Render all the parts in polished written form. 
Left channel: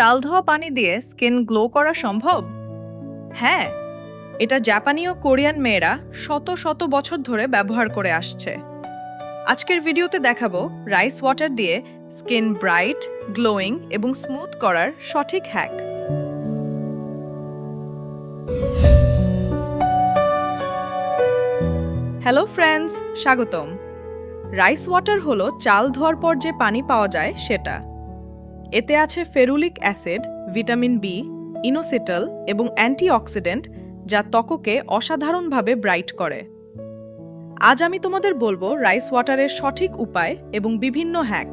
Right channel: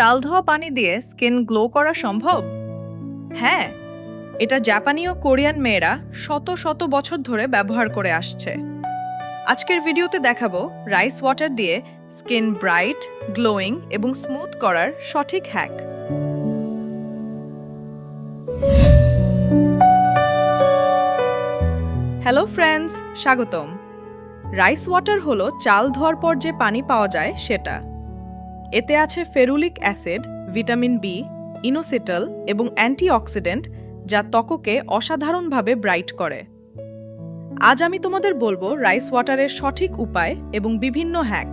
চাল ধোয়া পানি দিয়ে স্কিন গ্লো করা সম্ভব? হ্যাঁ, এটা জাপানি ও কোরিয়ান মেয়েরা শত শত বছর ধরে ব্যবহার করে আসছে। আজকের ভিডিওতে দেখাবো রাইস ওয়াটার দিয়ে স্কিন ব্রাইট, গ্লোয়িং এবং স্মুথ করার সঠিক হ্যাক। হ্যালো ফ্রেন্ডস, স্বাগতম। রাইস ওয়াটার হলো চাল ধোয়ার পর যে পানি পাওয়া যায় সেটা। এতে আছে ferulic acid, vitamin B, inositol এবং অ্যান্টিঅক্সিডেন্ট, যা ত্বককে অসাধারণভাবে ব্রাইট করে। আজ আমি তোমাদের বলবো রাইস ওয়াটারের সঠিক উপায় এবং বিভিন্ন হ্যাক।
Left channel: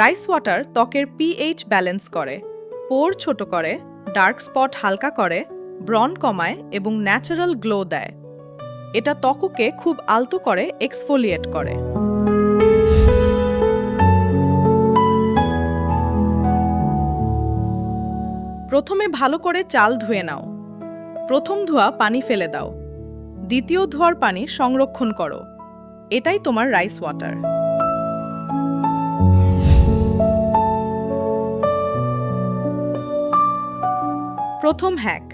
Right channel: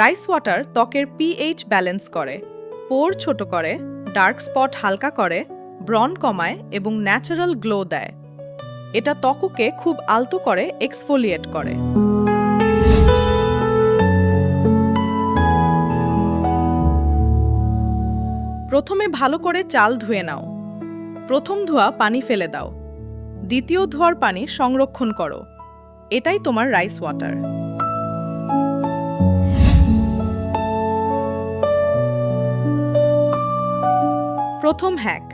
রাইস ওয়াটার ত্বকের পিএইচ ব্যালেন্স করে, পোর ছোট করে, ডার্ক স্পট হালকা করে, ব্রণ কমায় এবং ন্যাচারাল গ্লো দেয়। এটা ত্বককে খুব আলতো করে এক্সফোলিয়েট করে। প্রথমে ভালো করে চাল ধুয়ে নাও। প্রথম ধোয়া পানি ফেলে দাও। দ্বিতীয় ধোয়ার পানি সংরক্ষণ করো। এটাই তোমার রাইস ওয়াটার। প্রথম হ্যাক,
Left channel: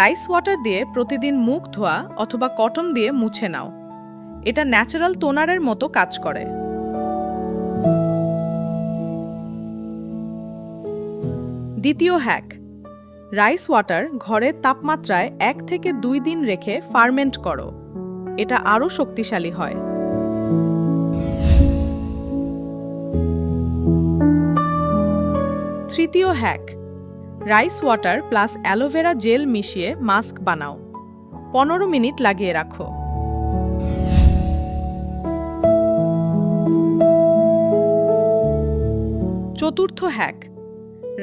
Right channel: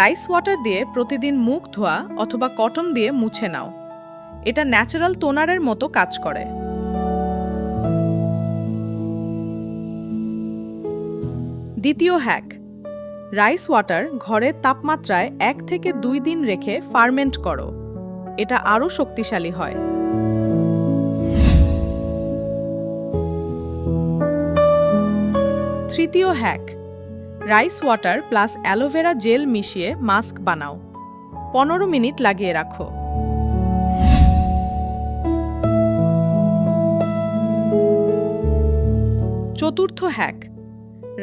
রাইস ওয়াটার দিয়ে প্রতিদিন মুখ ধোয়া অথবা কটন দিয়ে মুছে নাও। এটা ন্যাচারাল টোনারের মতো কাজ করে। দ্বিতীয় হ্যাক, রাইস ওয়াটার ঘরের তাপমাত্রায় 1 থেকে 2 দিন রেখে ফার্মেন্ট করো। এটা আরও শক্তিশালী হয়। তৃতীয় hack, rice water plus aloe vera gel মিশিয়ে মাস্ক বানাও। 15 মিনিট লাগিয়ে রাখো। চতুর্থ হ্যাক,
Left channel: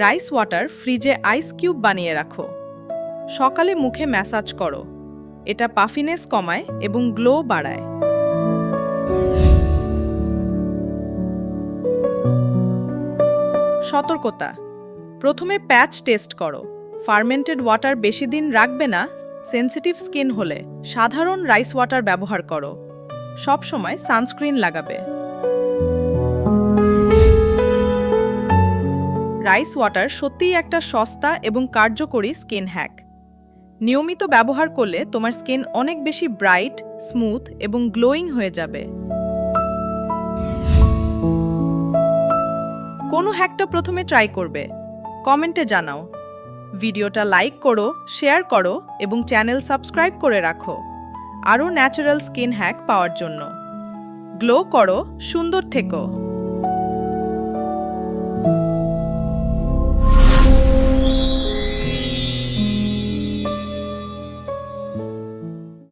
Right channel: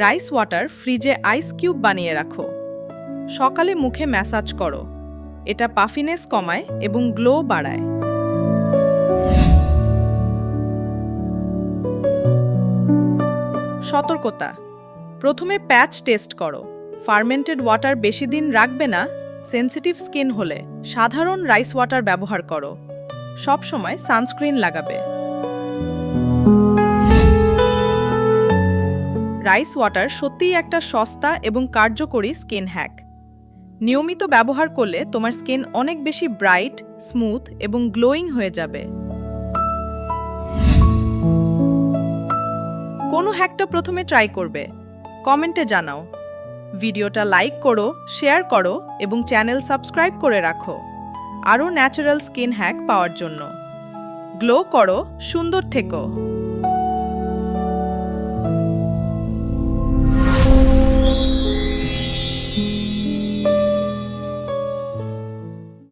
রাইস ওয়াটার ফ্রিজে আইস কিউব বানিয়ে রাখো। সকালে মুখে ম্যাসাজ করো। এটা পাফিনেস কমায় এবং গ্লো বাড়ায়। সতর্কতা, প্রথমে প্যাচ টেস্ট করো। ফার্মেন্টেড ওয়াটার বেশি দিন রাখবে না। সেনসিটিভ স্কিন হলে সাধারণ রাইস ওয়াটার ব্যবহার করো। সব সময় সানস্ক্রিন লাগাবে। রাইস ওয়াটার সত্যিই একটা সস্তা এবং কার্যকরী স্কিন হ্যাক। নিয়মিত ব্যবহার করলে তোমার স্কিন অনেক বেশি ব্রাইট, স্মুথ এবং গ্লোয়িং হয়ে যাবে। কোন হ্যাকটা প্রথমে ট্রাই করবে? কমেন্টে জানাও। ভিডিওটা লাইক করো, শেয়ার করো এবং চ্যানেল সাবস্ক্রাইব করে রাখো আরও ন্যাচারাল স্কিন হ্যাক পাওয়ার জন্য। গ্লো করো, সুন্দর থেকো।